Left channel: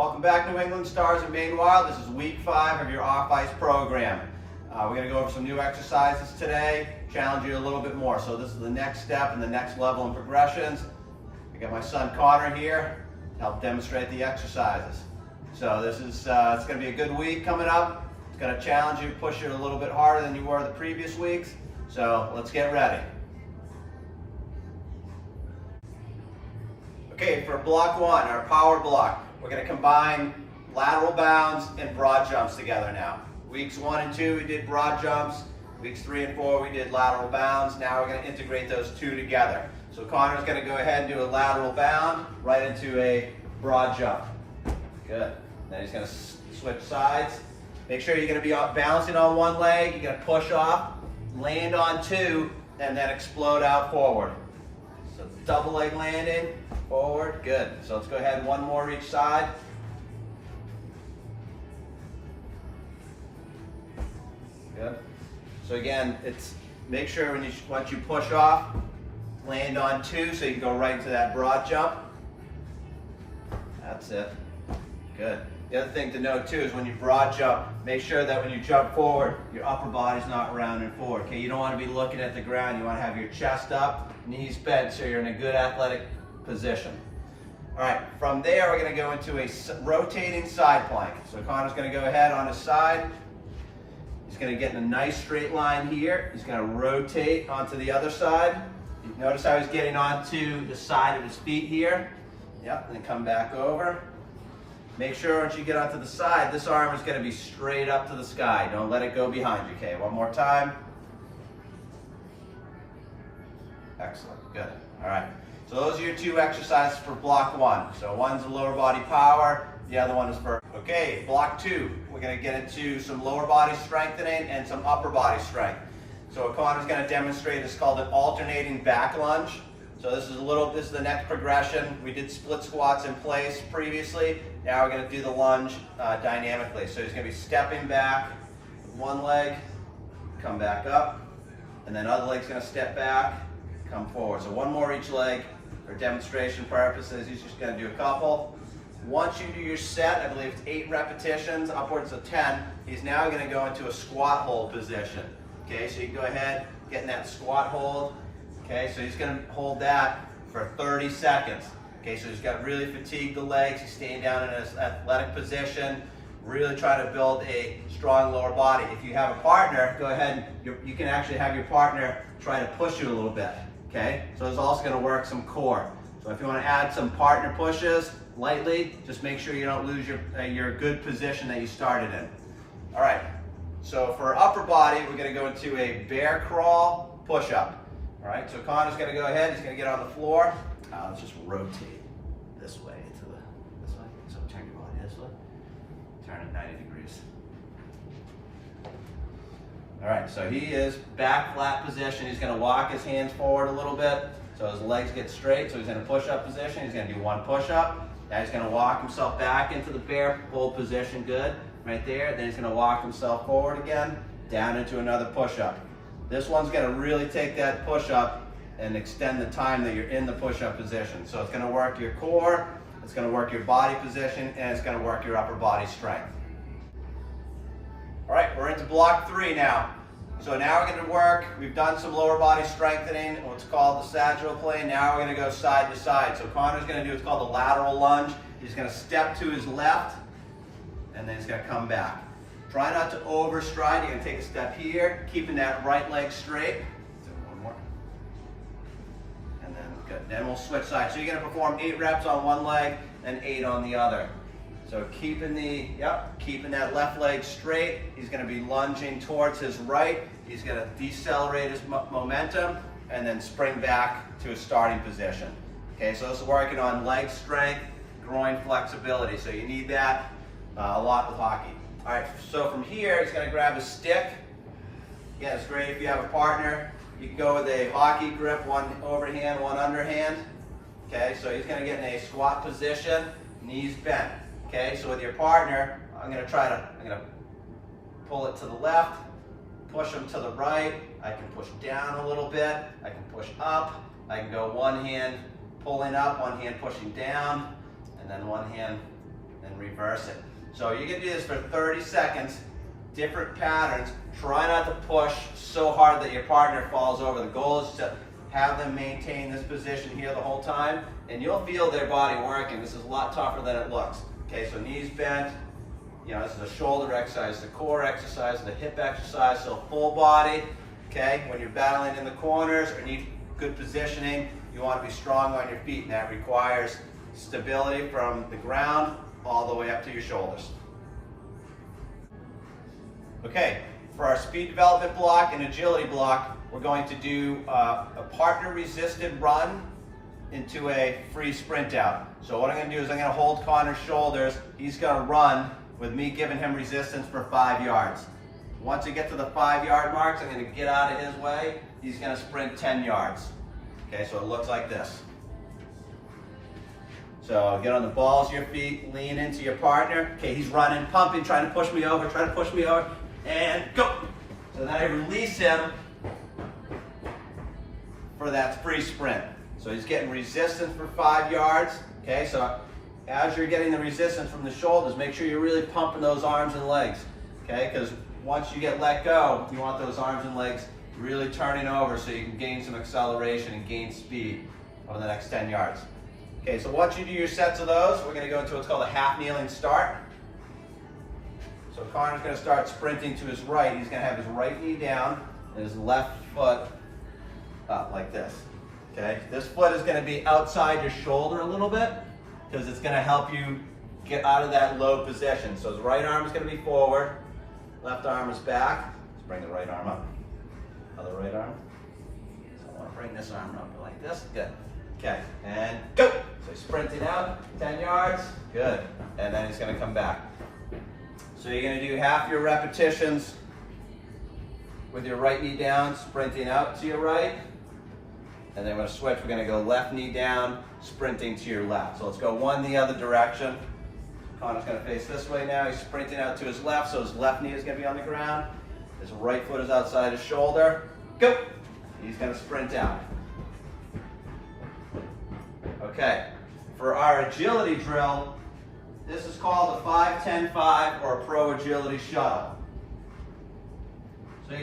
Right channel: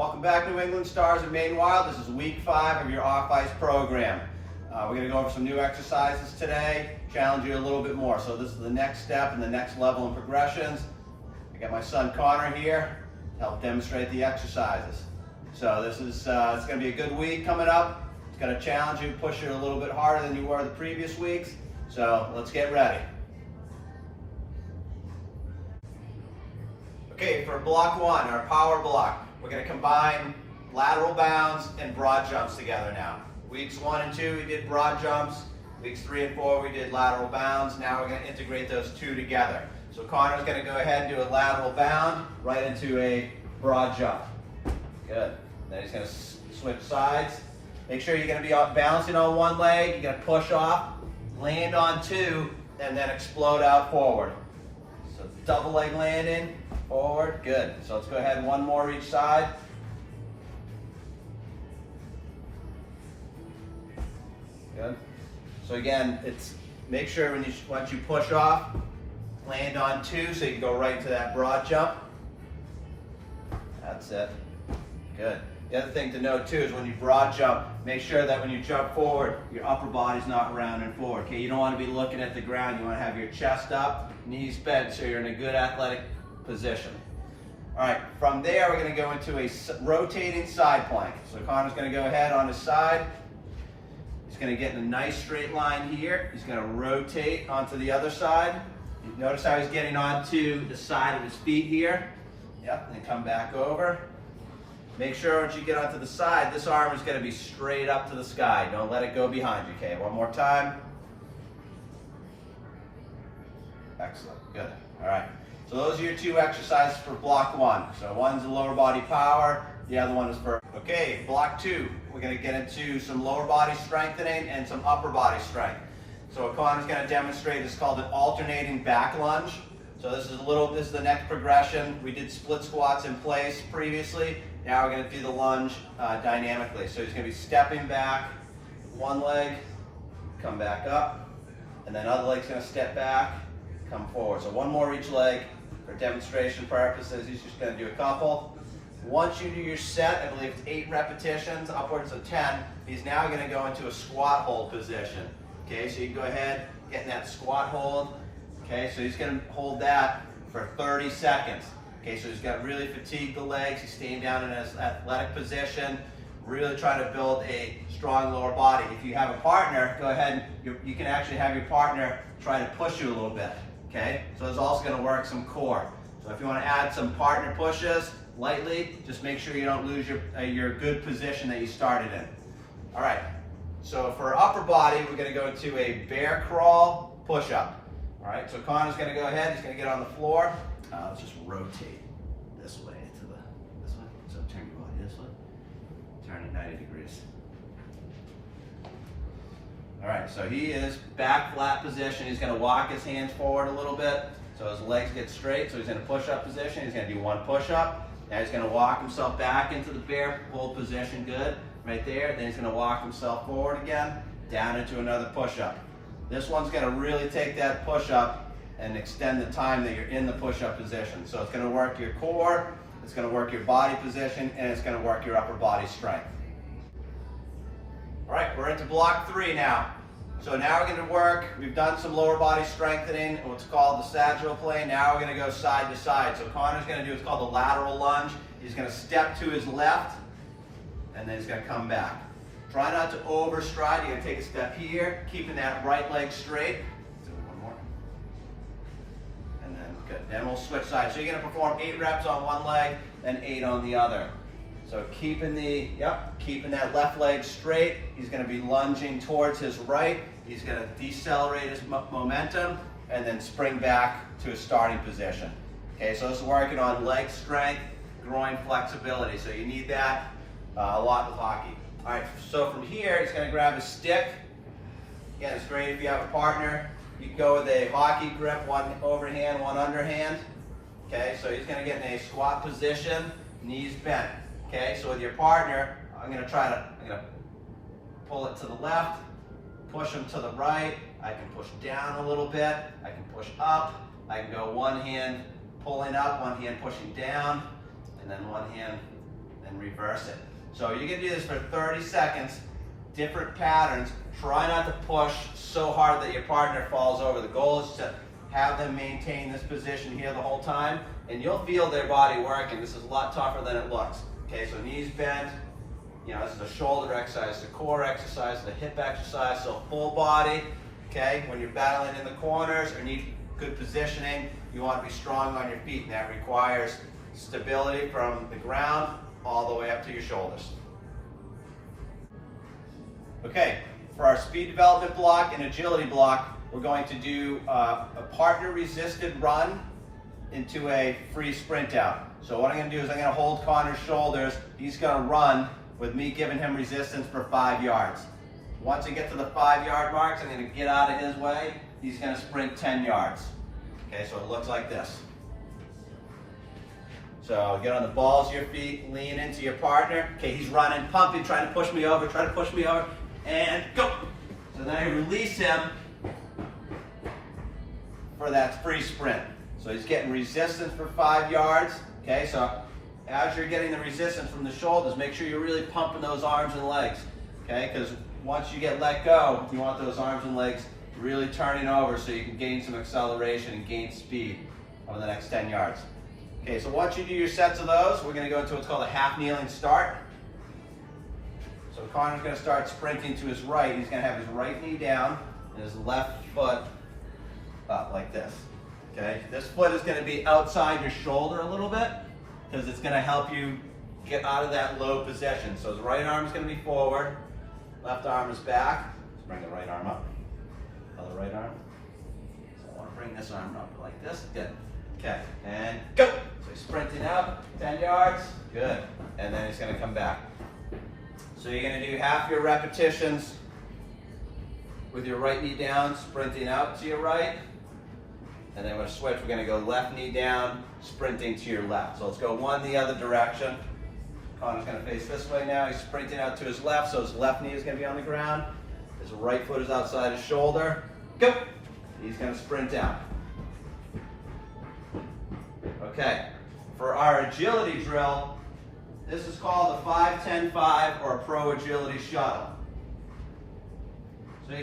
Welcome back, New England Stars and Maine Wild. This is week 5 of your off-ice program. We're going to go over some new exercises today, challenge you a little bit more. So this is the next step and the next level in progressions. I got my son Connor here to help demonstrate the exercises. So this is it's going to be a good week coming up. It's going to challenge you, push you a little bit harder than you were the previous weeks. So let's get ready. Okay, for block 1, our power block, we're going to combine lateral bounds and broad jumps together now. Weeks 1 and 2, we did broad jumps. Weeks 3 and 4, we did lateral bounds. Now we're going to integrate those two together. So Connor's going to go ahead and do a lateral bound right into a broad jump. Good. Then he's going to switch sides. Make sure you're going to be bouncing on one leg. You're going to push off, land on two, and then explode out forward. So double leg landing. Forward, good. So let's go ahead, one more each side. Good. So again, it's make sure once you push off, land on two so you can go right into that broad jump. That's it. Good. The other thing to note too is when you broad jump, make sure that when you jump forward, your upper body's not rounding forward. Okay, you don't want to be looking at the ground. You want to have your chest up, knees bent, so you're in a good athletic position. All right, from there we're going to go into a rotating side plank. So Connor's going to go ahead on his side. He's going to get in a nice straight line here. He's going to rotate onto the other side. Notice how he's getting onto the side of his feet here. Yep, and then come back over. Make sure once you get onto the side, this arm is going to be straight up to the sky. Don't let it go behind you, okay? One more time. Excellent, good. All right. So those are your two exercises for block 1. So one's a lower body power, the other one is for, okay, block 2. We're going to get into some lower body strengthening and some upper body strength. So what Connor's going to demonstrate is called an alternating back lunge. So this is the next progression. We did split squats in place previously. Now we're going to do the lunge dynamically. So he's going to be stepping back, one leg, come back up, and then other leg's going to step back, come forward. So one more each leg. For demonstration purposes, he's just going to do a couple. Once you do your set, I believe it's 8 repetitions, upwards of 10, he's now going to go into a squat hold position. Okay, so you can go ahead, get in that squat hold. Okay, so he's going to hold that for 30 seconds. Okay, so he's got to really fatigue the legs, he's staying down in his athletic position, really trying to build a strong lower body. If you have a partner, go ahead, you can actually have your partner try to push you a little bit. Okay, so it's also going to work some core. So if you want to add some partner pushes lightly, just make sure you don't lose your good position that you started in. All right, so for upper body, we're going to go into a bear crawl push-up. All right, so Connor's going to go ahead, he's going to get on the floor. Let's just rotate this way into this way. So turn your body this way, turn it 90 degrees. All right, so he is back flat position. He's going to walk his hands forward a little bit so his legs get straight. So he's in a push-up position. He's going to do one push-up. Now he's going to walk himself back into the bear hold position. Good, right there. Then he's going to walk himself forward again, down into another push-up. This one's going to really take that push-up and extend the time that you're in the push-up position. So it's going to work your core, it's going to work your body position, and it's going to work your upper body strength. All right, we're into block 3 now. So now we're going to work, we've done some lower body strengthening, what's called the sagittal plane. Now we're going to go side to side. So Connor's going to do what's called a lateral lunge. He's going to step to his left, and then he's going to come back. Try not to overstride. You're going to take a step here, keeping that right leg straight. So one more. And then, good. Then we'll switch sides. So you're going to perform 8 reps on one leg, and 8 on the other. So keeping that left leg straight, he's going to be lunging towards his right. He's going to decelerate his momentum and then spring back to his starting position. Okay, so this is working on leg strength, groin flexibility. So you need that a lot with hockey. All right, so from here, he's going to grab a stick. Yeah, it's great if you have a partner. You can go with a hockey grip, one overhand, one underhand. Okay, so he's going to get in a squat position, knees bent. Okay, so with your partner, I'm going to pull it to the left, push him to the right. I can push down a little bit. I can push up. I can go one hand pulling up, one hand pushing down, and then one hand and reverse it. So you can do this for 30 seconds, different patterns. Try not to push so hard that your partner falls over. The goal is to have them maintain this position here the whole time, and you'll feel their body working. This is a lot tougher than it looks. Okay, so knees bent. You know, this is a shoulder exercise, the core exercise, the hip exercise, so full body. Okay, when you're battling in the corners or need good positioning, you want to be strong on your feet, and that requires stability from the ground all the way up to your shoulders. Okay, for our speed development block and agility block, we're going to do a partner resisted run into a free sprint out. So what I'm going to do is I'm going to hold Connor's shoulders. He's going to run with me giving him resistance for 5 yards. Once we get to the 5-yard marks, I'm going to get out of his way. He's going to sprint 10 yards. Okay, so it looks like this. So get on the balls of your feet, lean into your partner. Okay, he's running, pumping, trying to push me over, and go. So now you release him for that free sprint. So he's getting resistance for 5 yards. Okay, so as you're getting the resistance from the shoulders, make sure you're really pumping those arms and legs. Okay, because once you get let go, you want those arms and legs really turning over so you can gain some acceleration and gain speed over the next 10 yards. Okay, so once you do your sets of those, we're going to go into what's called a half kneeling start. So Connor's going to start sprinting to his right. He's going to have his right knee down and his left foot up like this. Okay, this foot is going to be outside your shoulder a little bit because it's going to help you get out of that low position. So his right arm is going to be forward, left arm is back. Let's bring the right arm up. Other right arm. So I want to bring this arm up like this. Good. Okay, and go. So sprinting out, 10 yards. Good. And then he's going to come back. So you're going to do half your repetitions with your right knee down, sprinting out to your right. And then we're going to switch. We're going to go left knee down, sprinting to your left. So let's go one the other direction. Connor's going to face this way now. He's sprinting out to his left, so his left knee is going to be on the ground. His right foot is outside his shoulder. Go. He's going to sprint out. Okay. For our agility drill, this is called a 5-10-5 or a pro agility shuttle. So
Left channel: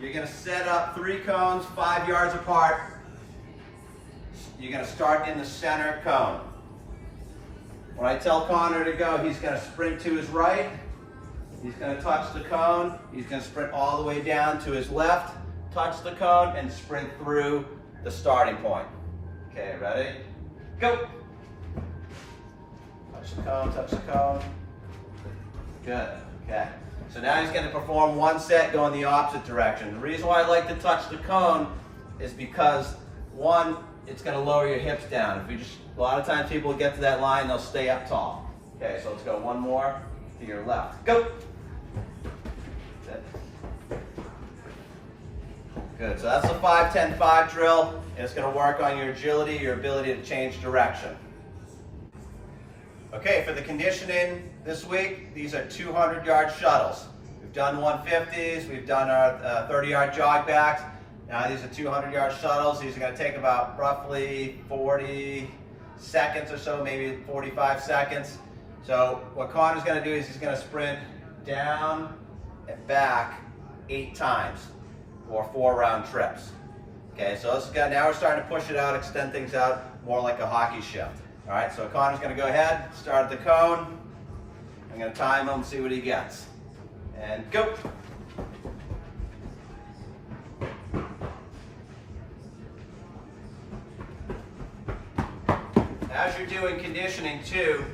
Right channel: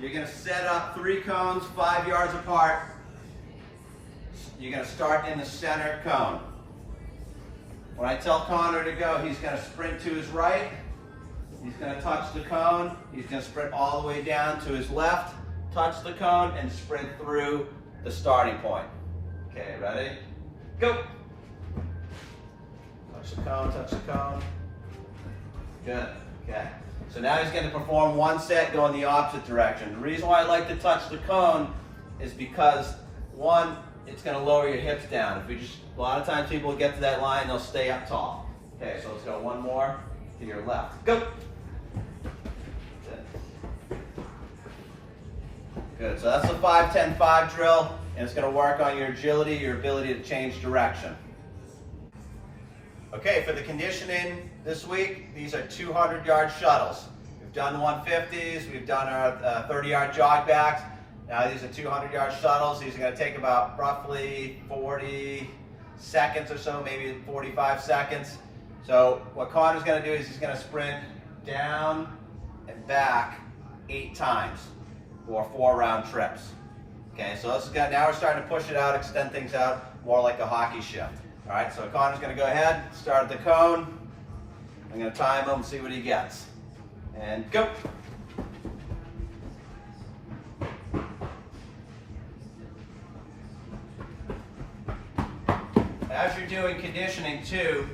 you're going to set up 3 cones 5 yards apart. You're going to start in the center cone. When I tell Connor to go, he's going to sprint to his right. He's going to touch the cone. He's going to sprint all the way down to his left, touch the cone, and sprint through the starting point. Okay, ready? Go. Touch the cone, touch the cone. Good, okay. So now he's going to perform one set going the opposite direction. The reason why I like to touch the cone is because, one, it's going to lower your hips down. If you just, a lot of times people get to that line, they'll stay up tall. Okay, so let's go one more to your left. Go. Good, so that's the 5-10-5 drill, and it's going to work on your agility, your ability to change direction. Okay, for the conditioning this week, these are 200-yard shuttles. We've done 150s, we've done our 30-yard jog backs. Now these are 200-yard shuttles. These are going to take about roughly 40 seconds or so, maybe 45 seconds. So what Connor's going to do is he's going to sprint down and back 8 times or 4-round trips. Okay, so this is good. Now we're starting to push it out, extend things out more like a hockey shift. All right, so Connor's going to go ahead, start at the cone. I'm going to time him, see what he gets. And go. As you're doing conditioning too,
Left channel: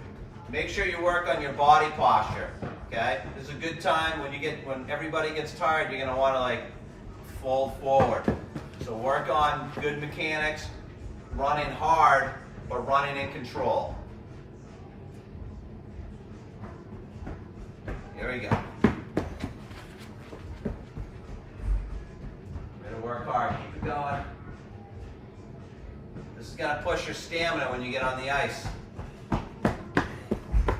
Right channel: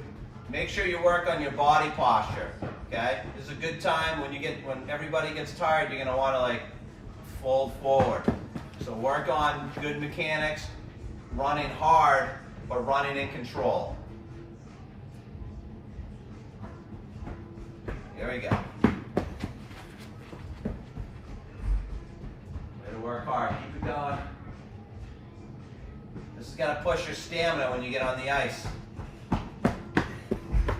make sure you work on your body posture. Okay, this is a good time when everybody gets tired. You're going to want to like fold forward. So work on good mechanics, running hard, but running in control. There you go. Way to work hard. Keep it going. This is going to push your stamina when you get on the ice.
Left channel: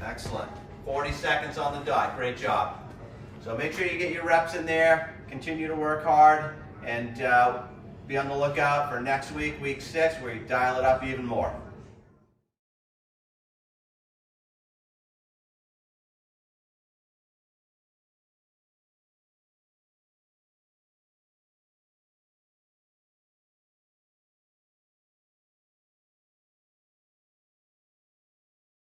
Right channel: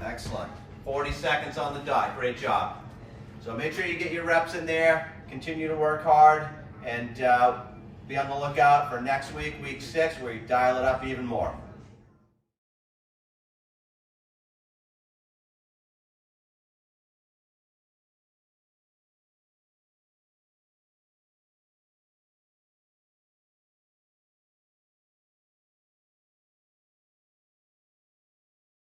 Excellent. 40 seconds on the dot. Great job. So make sure you get your reps in there. Continue to work hard, and be on the lookout for next week, week 6, where you dial it up even more.